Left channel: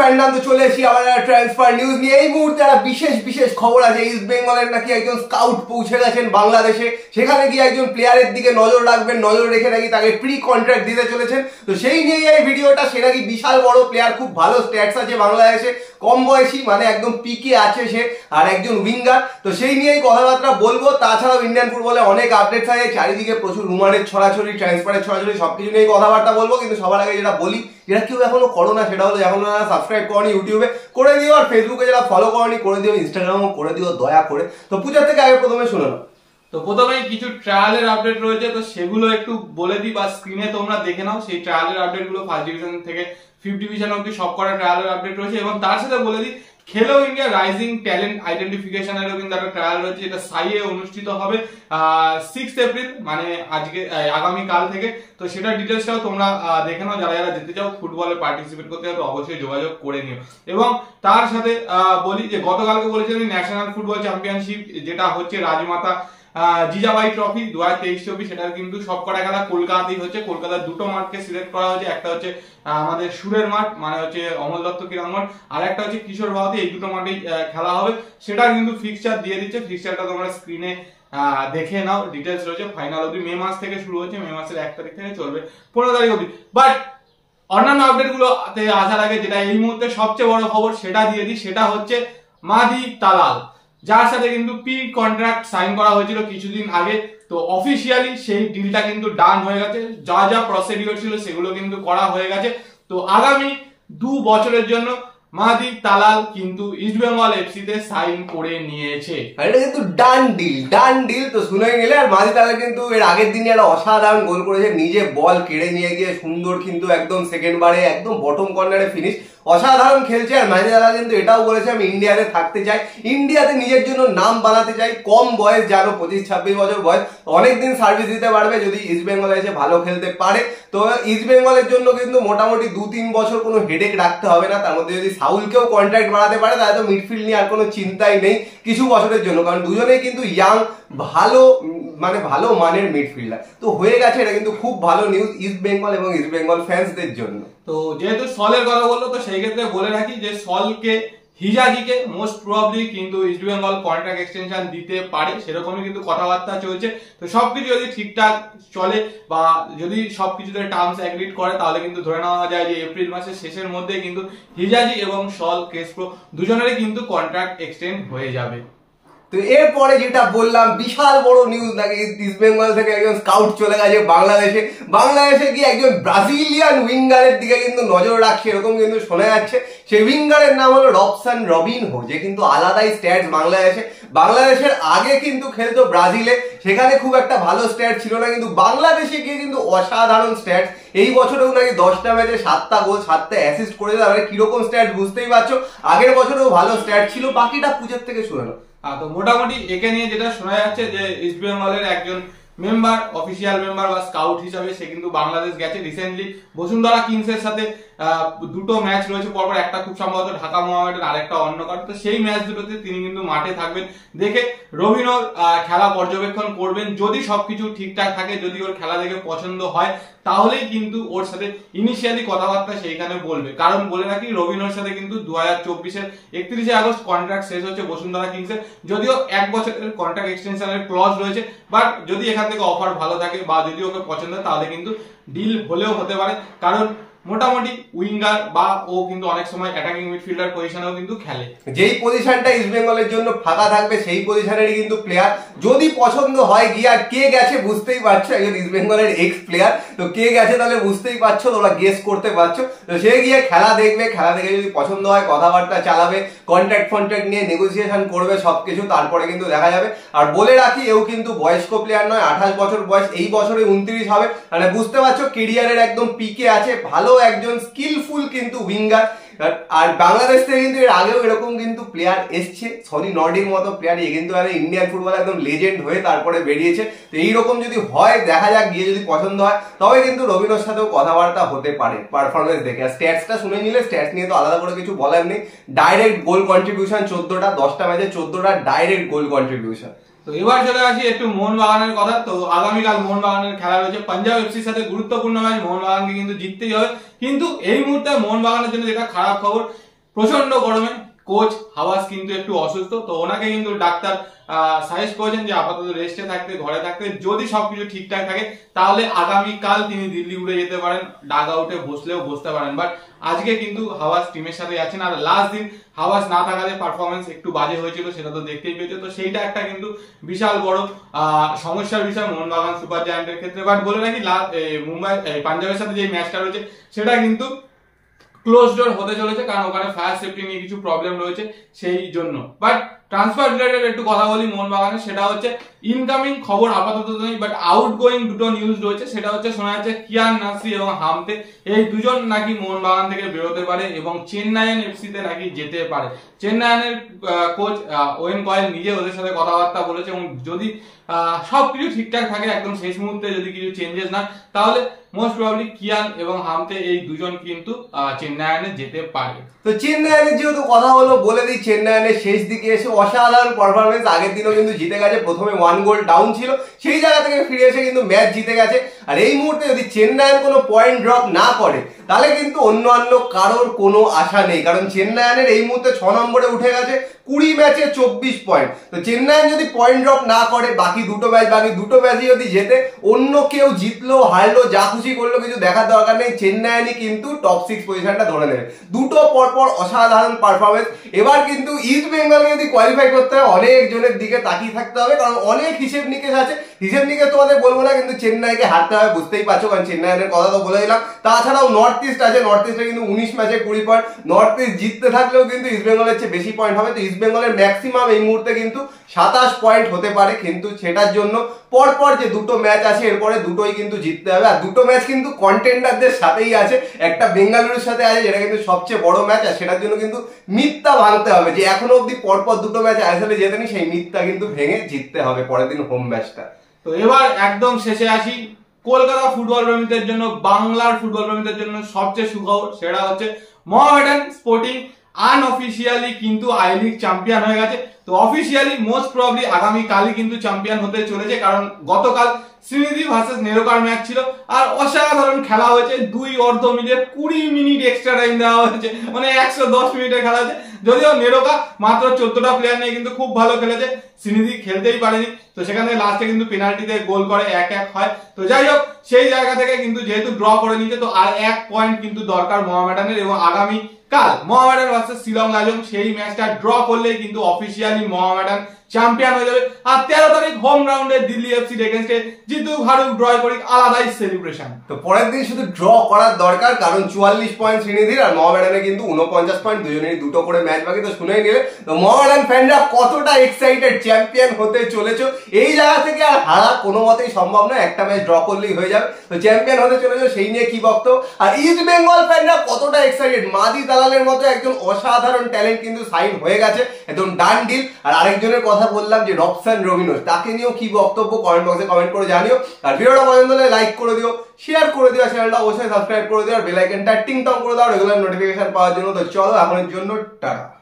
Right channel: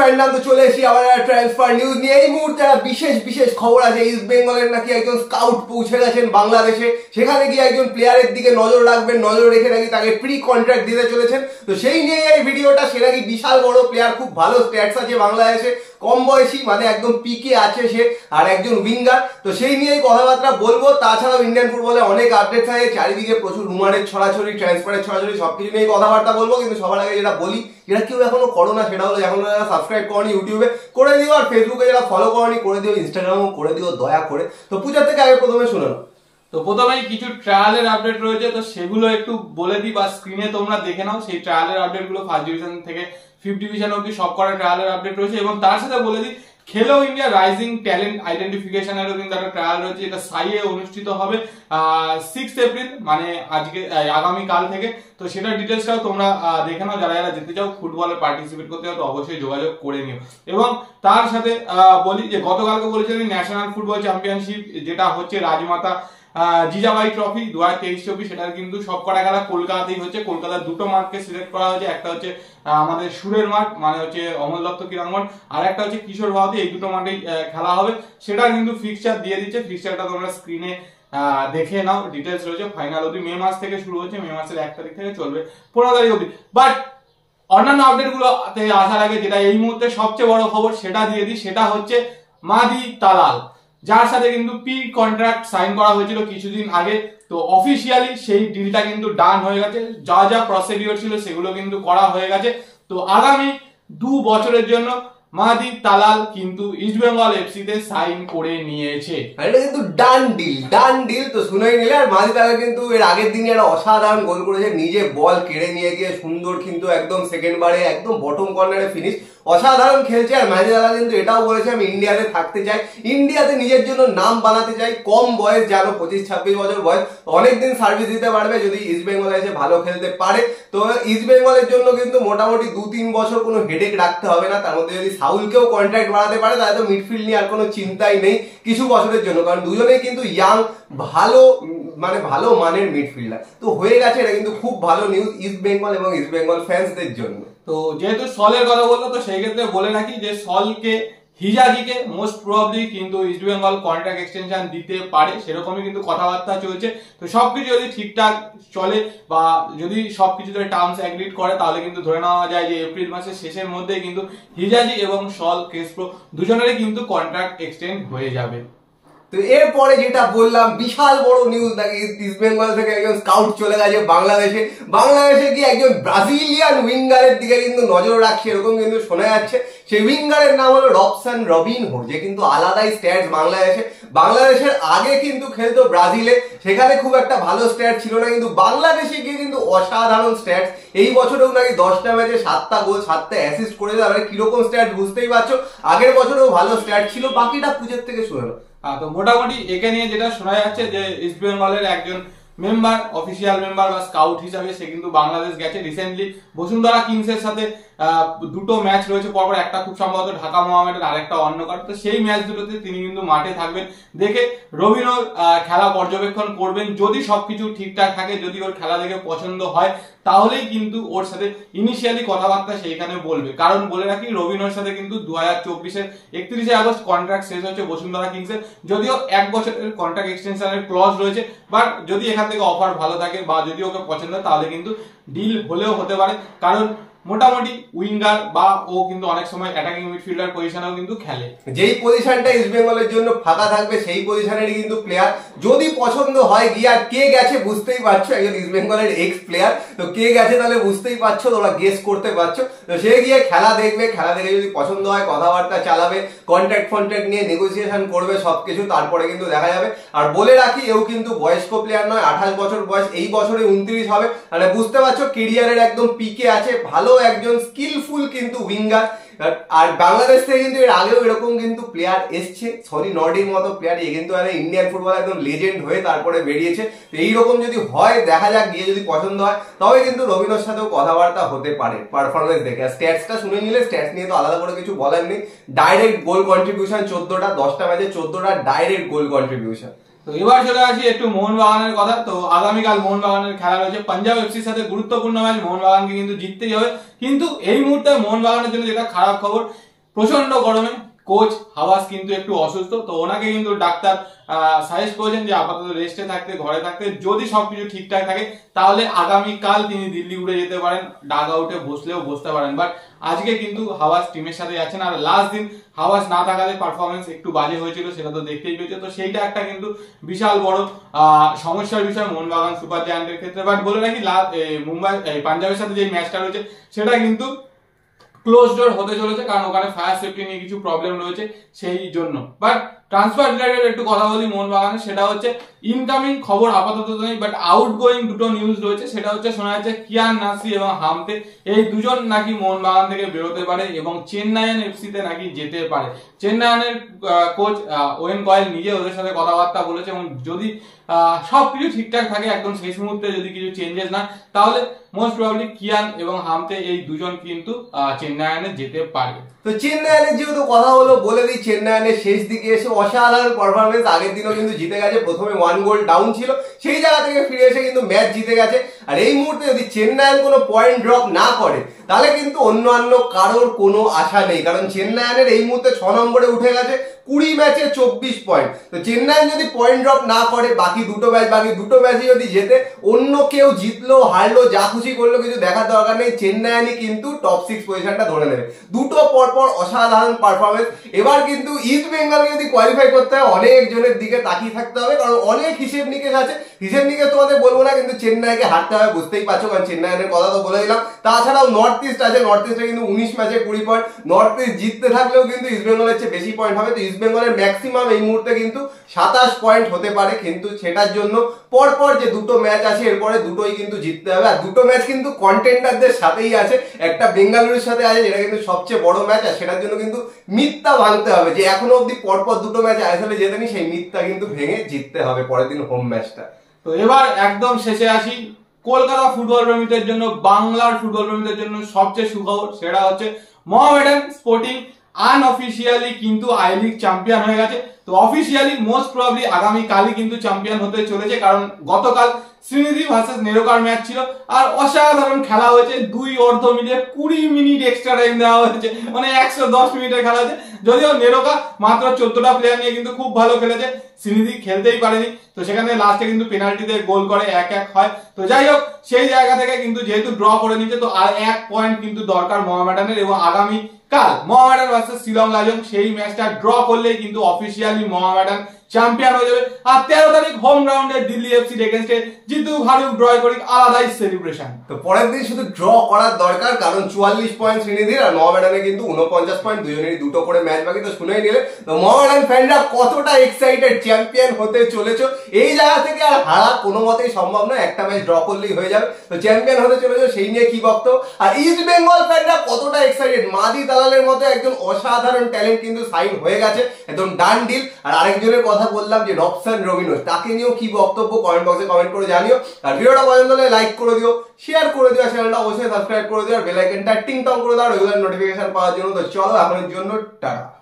Fandom তো চলে এসেছি আবার ট্রান্সফার নিউজ নিয়ে। এই মুহূর্তে একটা বিশেষ খবর আছে। ইস্ট বেঙ্গলের নাকি একজন স্কাউট পৌঁছে গেছেন বাংলাদেশে, সেখানে গিয়ে একজন প্লেয়ারের দিকে নজর রাখবেন, নজর রেখে নাকি তাকে প্রি কন্ট্রাক্ট দিতে চলেছেন। তো সেই নিয়ে এই ভিডিওটা। সে নাকি বিশাল বড় প্লেয়ার, খুব ভালো স্ট্যাটস আছে বাংলাদেশে, কম বয়সী মানে একদম পিকে আছে সে, আর একজন উইঙ্গার। তো সেই নিয়েই কথাবার্তা বলবো। তাছাড়াও ইন্ডিয়ান ফুটবলে অনেক আপডেট থাকে, চারিদিকে প্রচুর রুমারের ছড়াছড়ি, ট্রান্সফারের ছড়াছড়ি, সবকিছু নিয়ে কথাবার্তা বলবো। কিন্তু সবার আগে যেটা বলি, যেটা কেউ এখনো করো না, সেটা হলো এখনো যারা সাবস্ক্রাইব করনি ইউটিউবে করে দিও, আর ফেসবুকে যারা ফলো করনি করে দিও, ইনস্টাগ্রামও করে দিও দয়া করে। তো পূজার থেকে আগে প্রথমে শুনে নাও। তো প্রথমেই কিছু ট্রায়ালের আপডেট রয়েছে, তো সেগুলো একটু বলে দিই বা স্ক্রিনে তোমরা দেখে নাও। সেই ট্রায়ালের আপডেট গুলো ফার্স্ট ডিভিশন থেকে ফিফথ ডিভিশন অব্দি সব কটা ট্রায়ালের আপডেট রয়েছে। এবং তার সাথে বলে দিই, খেলো ইন্ডিয়া রাইজিং ট্যালেন্ট আইডেন্টিফিকেশনেরও কিন্তু একটা ট্রায়াল রয়েছে, যেটা সাইয়ে অনুষ্ঠিত হবে 6 এপ্রিল, মানে আজকে আগামীকাল থেকে। তো সেটার ডিটেলসটাও তোমরা দেখে নাও। যারা যারা যেতে চাও ফুটবলে পার্টিসিপেট করতে চাও তো অবশ্যই যোগাযোগ করে নিও। এবং তার সাথে বলি যে গতকালকে বলেছিলেন ন্যাশনাল ফুটবল চ্যাম্পিয়নশিপ যেটা হচ্ছে রাজমাতা জিজাবাই ট্রফি 2023-24, সেটার কিন্তু সব কটা খেলা কলকাতাতেই হচ্ছে। কলকাতার দুটো মাঠকে সিলেক্ট করা হয়েছে, একটা হচ্ছে আমাদের সুরের মাঠ মানে হচ্ছে অমল দত্ত ক্রীড়া মাঠ, আর একটা হচ্ছে কিশোর ভারতী। এই দুটো মাঠেই খেলা হবে। সেটার কিন্তু ফিক্সচার দিয়ে দিচ্ছে, ফিক্সচারটা তোমরা স্ক্রিনে দেখে নাও, ডিটেলস রয়েছে। ফাইনাল অবধি মে মাস থেকে শুরু হচ্ছে, মে মাসের 1 তারিখ থেকে চলবে 15 তারিখ অবধি। বাট অন্যান্য আপডেট গুলোতে আসার আগে যেটা এই মুহূর্তে সবচেয়ে বড় খবর সেটা দিয়ে দিই, সেটা হচ্ছে মাদি তালাল, যার সাথে কিন্তু প্রি কন্ট্রাক্ট সাইন করা হয়েছিল কিছুদিন আগে। তো অফিসিয়ালি সেই ডিলটা কিন্তু ডান হয়ে গেছে, যা যা প্রসিডিওর ছিল সেগুলো কিন্তু করা হয়ে গেছে। তো আগামী 2 বছরের জন্য মাদি তালাল কিন্তু ইস্ট বেঙ্গল এফসি তে সাইন করে নিয়েছে। এটা কিন্তু ডান ডিল তো শুনেই নিলে। আর মাদি তালাল কিন্তু এর আগের দিনে একটা অসাধারণ গোল করেছে, নিজে বল কেড়ে নিয়ে গিয়ে সুন্দর কিন্তু একদম সেকেন্ড বারে একদম বটম কর্নারে ফিনিশ, অসাধারণ খেলছে। আর মাদি তালাল কিন্তু এটাও বলেছে আমি ইন্ডিয়াতে থাকতে চাই, ইন্ডিয়াতে নিজের জন্য নাম বানাতে চাই। কম বয়স, জানো 25-26 বছর বয়স, অনেকদিন সার্ভিস দিতে পারবে যদি ইস্ট বেঙ্গলে এসে ভালো খেলতে পারে। তো ইস্ট বেঙ্গলের জন্য কিন্তু মোটামুটি 2-3 বছর কোনো হেডেক রাখতে হবে না। তার মধ্যে যদি সাউলকেও কন্ট্রাক্ট বাড়াতে পারে তাহলে তো মিডফিল্ড নিয়ে আর কোনো চিন্তাই নেই কিছু বছরের জন্য, কারণ দুজনেই কিন্তু ইয়াং, ভালো মানের মিডফিল্ডার। তো হয়ে গেছে, এটা কিন্তু খুব ভালো নিউজ ইস্ট বেঙ্গল এবং ইস্ট বেঙ্গল ফ্যান্সদের জন্য। তো যেহেতু সলের কথা বললো, তো সেই ক্ষেত্রে বলে রাখি যে সলকে হিজাজিকে মোস্ট প্রবাবলি কিন্তু ইস্ট বেঙ্গল কন্ট্রাক্ট এক্সটেনশন দিতে পারে, সেরকমই কিন্তু কথাবার্তা চলছে। তো সবকিছু যদি ঠিকঠাক চলে বা যদি সবকিছুতে টার্মস এগ্রিড করে, তাহলে কিন্তু ধরে নেওয়া যায় যে এপ্রিল মাসের শেষের মধ্যে কিন্তু হিজাজি এবং সল ক্রেসপো দুজনেরই কিন্তু কন্ট্রাক্ট এক্সটেন্ড হয়ে যাবে। তো এরপরে যেটা বললাম, বিশাল বড় নিউজ, নাকি ইস্ট বেঙ্গল থেকে একজন স্কাউট চলে গেছে বাংলাদেশে গিয়ে একজন ব্রাজিলিয়ান উইঙ্গারের দিকে কিন্তু নজর রাখছে, এরকম কিন্তু শোনা যাচ্ছে। সেই উইঙ্গারের নাম হলো রবসন রবিনহো, যে কিন্তু আলাদাই স্ট্যাটস বাংলাদেশের আগে কিন্তু খেলতো ব্রাজিলে, সেখানে খুব একটা ভালো স্ট্যাট ছিল না, কিন্তু বাংলাদেশে গিয়ে কিন্তু অসাধারণ স্ট্যাটস। এই বছরেও নাকি 10টা ম্যাচে 7টা গোল 7টা অ্যাসিস্ট করেছে। তাহলে কিরকম স্ট্যাট বুঝতেই পারছো, আগের বছরেও ভালো স্ট্যাট ছিল। বাকিটা পূজার থেকে শুনে নাও। তো মোটামুটি একে নিয়ে যেটা শোনা যাচ্ছে যে ইস্ট বেঙ্গলের একজন মেম্বার, অফিসিয়াল মেম্বার বা স্কাউট হিসাবে সে কিন্তু বাংলাদেশ গেছে। রিসেন্টলি বসুন্ধরা কিংসের সাথে দুটো ম্যাচ রয়েছে পরপর, একটা খুব সম্ভবত ঢাকা মোহামেডান, আরেকটা অন্য কারণ। তো সেই ম্যাচ দুটোতে তিনি কিন্তু মাঠে থাকবেন, দেখে রবিনোর খেলা পর্যবেক্ষণ করবেন। যদি সবকিছু ঠিকঠাক থাকে, যদি ওর খেলা দেখে পছন্দ হয়, তাহলেই কিন্তু ওর সাথে ইনিশিয়ালি কথাবার্তা সেইখানে বলবে। কারণ বলে রাখি, রবিনোর সাথে কিন্তু 2024-এর 31শে আগস্ট কন্ট্রাক্ট শেষ হচ্ছে বসুন্ধরা কিংসের, যদিও 1 বছরের কন্ট্রাক্ট এক্সটেনশনের ক্লজ রয়েছে। বাট যদি এখান থেকে অফার ভালো থাকে বা যদি ওকে পছন্দ হয়, তাহলে কিন্তু ডিল হলেও হতে পারে। কারণ মোটামুটি উইঙ্গার বা ও কিন্তু অনেক সময় অ্যাটাকিং মিডফিল্ডার পজিশনেও কিন্তু খেলে। যেই পজিশনটা ইস্ট বেঙ্গলের জন্য ফাঁকা থাকবে সেই পজিশনেরই কিন্তু প্লেয়ার। যদি পছন্দ হয় গিয়ে, আর কে গেছে বুঝতেই পারছো, একজন ইস্ট বেঙ্গলের এক্স প্লেয়ার, তো কে গেছে তাহলে বুঝতেই পারছো, তোমরা গেস করতে পারছো। তো সে গিয়ে খেলা দেখবে, খেলা দেখে যদি পছন্দ হয় কথাবার্তা চালাবে, কন্ট্রাক্ট নিয়ে নেগোসিয়েশন করবে সবকিছু, তারপরে কিন্তু দেখা যাবে। আর বলে রাখি, এও কিন্তু বয়স্ক প্লেয়ার নয়, 28 বছর বয়স, এই বছরে 29 হবে। মানে বুঝতে পারছো কেরিয়ারের একদম পিকে আছে, ভালো একজন স্কিলফুল কিন্তু উইঙ্গার। আর বাংলাদেশ থেকে কিন্তু এর আগেও এরকম কিন্তু প্লেয়ার এসছে, সনি নর্ডির মতো প্লেয়ার, এ কিন্তু ইন্ডিয়ান ফুটবল একদম লেজেন্ড হয়ে তারপরে বেরিয়েছে। তো এইরকম যদি হয়, দেখা যাক, গিয়ে যদি পছন্দ হয়, তবে কিন্তু রবিনোর সাথেও কথাবার্তা হতে পারে পারফরমেন্স দেখে। আর স্ট্যাটসটা শুনে নিলে, স্ট্যাটস নিয়ে তো আলাদা করে কিছু বলার নেই। ডাইরেক্ট গোল কন্ট্রিবিউশন 14টা, 10টা ম্যাচে 14টা ডাইরেক্ট গোল কন্ট্রিবিউশন। তো এবার চলে আসি একটু মোহনবাগানের কথা। তো আগামীকাল মোহনবাগানের খেলা রয়েছে পাঞ্জাব এফসির সাথে, গুরুত্বপূর্ণ ম্যাচ। মোহনবাগানকে কিন্তু জিততেই হবে। কিন্তু এই মুহূর্তে মোহনবাগানের জন্য যেটা খারাপ খবর, প্রচন্ড গরমে কোচ হাওয়াস কিন্তু একটু অসুস্থ, তো ওনাকে কিন্তু ডাক্তার সাজেস্ট করেছেন যে আপাতত রেস্টে থাকতে, ঘরে থাকতে, যদি সবকিছু ঠিকঠাক থাকে তাহলে আগামীকাল তিনি দিল্লি উড়ে যেতে পারেন, ডাগ আউটে বসলেও বসতে পারেন। বাট আজকে কিন্তু হাওয়াস টিমের সাথে আছেন, আর লাস্ট দিন হাওয়াস না থাকাতে পারফরমেন্স একটু বাজে হয়েছিল, সেটা তো দেখতেই পেয়েছে। তো সেইটা একটা কিন্তু বিশাল বড় সমস্যার বিষয় মোহনবাগান সুপার জায়ান্টের ক্ষেত্রে। বাট বলে রাখি মুম্বাই পাঞ্জাবের সাথে যে ম্যাচটা রয়েছে সেটা কিন্তু ক্লোজ ডোর হতে চলেছে, কারণ ওখানে ফায়ার সেফটি নিয়ে কিছু প্রবলেম রয়েছে সেই জন্য। বাট ট্রান্সফার রিলেটেড একটু কথা বলি মোহনবাগানের, সেটা হচ্ছে ইনকামিং খবর আপাতত নেই, বাট আউটগোয়িং দুটো নিউজ রয়েছে। সেটা হচ্ছে শোনা যাচ্ছে কিয়ান নাসরি এবং হামতে এই দুজন নাকি মোহনবাগান থেকে বেরোতে পারে এবং চেন্নাইয়ান এফসি তে নাকি যেতে পারে। চেন্নাইয়ানের কোচ ওয়েন কয়েল নিজে ওদের সাথে কথাবার্তা বলেছে, এবং যদি সবকিছু ঠিকঠাক থাকে একদম শেষ মুহূর্তে যদি কিছু চেঞ্জেস না, তাহলে মোস্ট প্রবাবলি কিয়ান এবং হামতে এই দুজন কিন্তু চেন্নাইয়ানে যেতে পারে। তো চেন্নাইয়ানের যেহেতু কথা হলো, বলে দিই চেন্নাইয়ানের শেষ দিকে এসে অসাধারণ পারফরমেন্স, আগের দিনও কিন্তু জিতে গেছে, প্রথমে 1 গোল ডাউন ছিল, সেই জায়গা থেকে ফিরে এসে কিন্তু ম্যাচ জিতে গেছে। আর এই মুহূর্তে যদি চেন্নাইয়ের কোনো পয়েন্ট ড্রপ না করে তাহলে কিন্তু অন্যান্য কারোর কোনো আশা নেই, কারণ চেন্নাইয়ের এই মুহূর্তে 6 নম্বরে উঠে গেছে 20 ম্যাচে 24 পয়েন্ট। তো চেন্নাই যদি পয়েন্ট ড্রপ না করে বাকি দুটো ম্যাচই যদি জেতে, অন্য কেউ জিতলো হারলো যা খুশি করলো কিছু দেখার দরকার নেই, চেন্নাই কিন্তু টপ 6 পজিশনটা ধরে নেবে। দুটো পরপর অসাধারণ পারফরমেন্স। এবার কিন্তু ইস্ট বেঙ্গল যদি কোয়ালিফাই করতে হয় অনেক জনের দিকে তাকিয়ে থাকতে হবে, কারণ অনেক হিসেব নিকেশ আছে। হিসেব নিকেশ তোমাদের বলবো না, কিন্তু চেন্নাইকে হারতে হবে, বুঝতেই পারছো, কারণ চেন্নাইয়ের কথা তো বলে দিলাম। তাছাড়াও নর্থ ইস্ট আছে, নর্থ ইস্টে কিন্তু 19 ম্যাচে 20 পয়েন্ট, নর্থ ইস্ট জিততে থাকলেও কিন্তু ইস্ট বেঙ্গলের চেয়ে বেশি পয়েন্ট হবে। তো ইস্ট বেঙ্গলের ম্যাক্সিমাম এই মুহূর্তে কিন্তু 27 পয়েন্ট হতে পারে, কিন্তু সেটার জন্য পরপর যে দুটো ম্যাচ আছে এরপরে দুটোই কিন্তু জিততে হবে। আর দুটো ম্যাচ কিন্তু কন্টেন্ডারদের সাথেই আছে, একটা বেঙ্গালুরুর সাথে আছে যেটা কিন্তু সবচেয়ে বড় ম্যাচ, আর সেটার জন্য কিন্তু মিথ্যা ভাঙতে হবে যে এখনো অব্দি পরপর দুটো ম্যাচ আইএসএল এ জেতেনি, সেই মিথ্যা কিন্তু ভেঙে জিততে হবে পরের দিন হোম ম্যাচটা। তো এবার একদম শেষে আসি, কলকাতা ফুটবল প্রেমীদের জন্য, বাংলার ফুটবল প্রেমীদের জন্য সবচেয়ে সুখবর, সেটা হচ্ছে মোহামেডান স্পোর্টিং আনঅফিসিয়ালি কিন্তু আই লিগ চ্যাম্পিয়ন হয়ে গেছে। তো অফিসিয়ালি মোস্ট প্রবাবলি আগামী কালই কিন্তু চ্যাম্পিয়ন হতে চলেছে, কারণ গতকাল শ্রীনিধি ভার্সেস নেরোকার ম্যাচ ছিল, আর অসাধারণ খেলা হয়েছে। দুই অর্ধ মিলে 20 মিনিট এক্সট্রা টাইম দেওয়া হয়েছে, মানে 110 মিনিটের খেলা হয়েছে। যদিও নেরোকা মাত্র 14টা প্লেয়ার নিয়ে কিন্তু খুব ভালো খেলেছে, শ্রীনিধি খেলতেই পারেনি, তো সেখানে লাস্টে কিন্তু পেনাল্টিতে গোল করে 1-1 হয়। তো যাই হোক, সেই জায়গা থেকে কিন্তু যেহেতু ড্র করে নিচ্ছে, তো আর 1 পয়েন্ট কিন্তু দরকার মোহামেডানের, এবং আগামী কাল মোহামেডান ভার্সেস শিলং লাজং সেই ম্যাচটা ড্র করলেই কিন্তু অফিসিয়ালি মোহামেডান চ্যাম্পিয়ন হয়ে যাবে। আর 13 তারিখ হোম রাউন্ডে দিল্লি এফসির এগেইনস্টে জিতুক হারুক ড্র করি আলাদাই সেলিব্রেশন। তো পরের দিন শুধু ড্র করার দরকার, কারণ 44 পয়েন্ট শ্রীনিধির, আর মোহামেডানে কিন্তু 49 পয়েন্ট, দুজনেরই দুটো করে ম্যাচ বাকি। তো শুনেই নিলে তো মোহামেডান ফ্যানরা কতটা এক্সাইটেড চ্যাম্পিয়ন হতে চলেছো। এই জায়গা থেকে আর হারা কোনো মতেই সম্ভব নয়, একটা ম্যাচ ড্র করলেই হয়ে যাবে। তো চ্যাম্পিয়ন হতে চলেছো সেই নিয়ে কি বক্তব্য। আর ইস্ট বেঙ্গল ফ্যানরা কতটা এক্সাইটেড, মাদি দালালের মতো একজন অসাধারণ ট্যালেন্ট কিন্তু সাইন হয়ে গেছে, একদম ডান ডিল। আর আরেকজনের কথা বললাম যে রবসান রবিনোস, তাকে নিয়েও কি বক্তব্য কমেন্ট বক্সে কমেন্ট করে জানিও। আর ভিডিওটা পছন্দ হলে লাইক করে দিও, শেয়ার করে দিও, চ্যানেলটা অবশ্যই সাবস্ক্রাইব করে দিও, আর বেল আইকনটা টিং টং করে দাও রেগুলার নোটিফিকেশন পাওয়ার জন্য। তো চলো এখনের জন্য টাটা।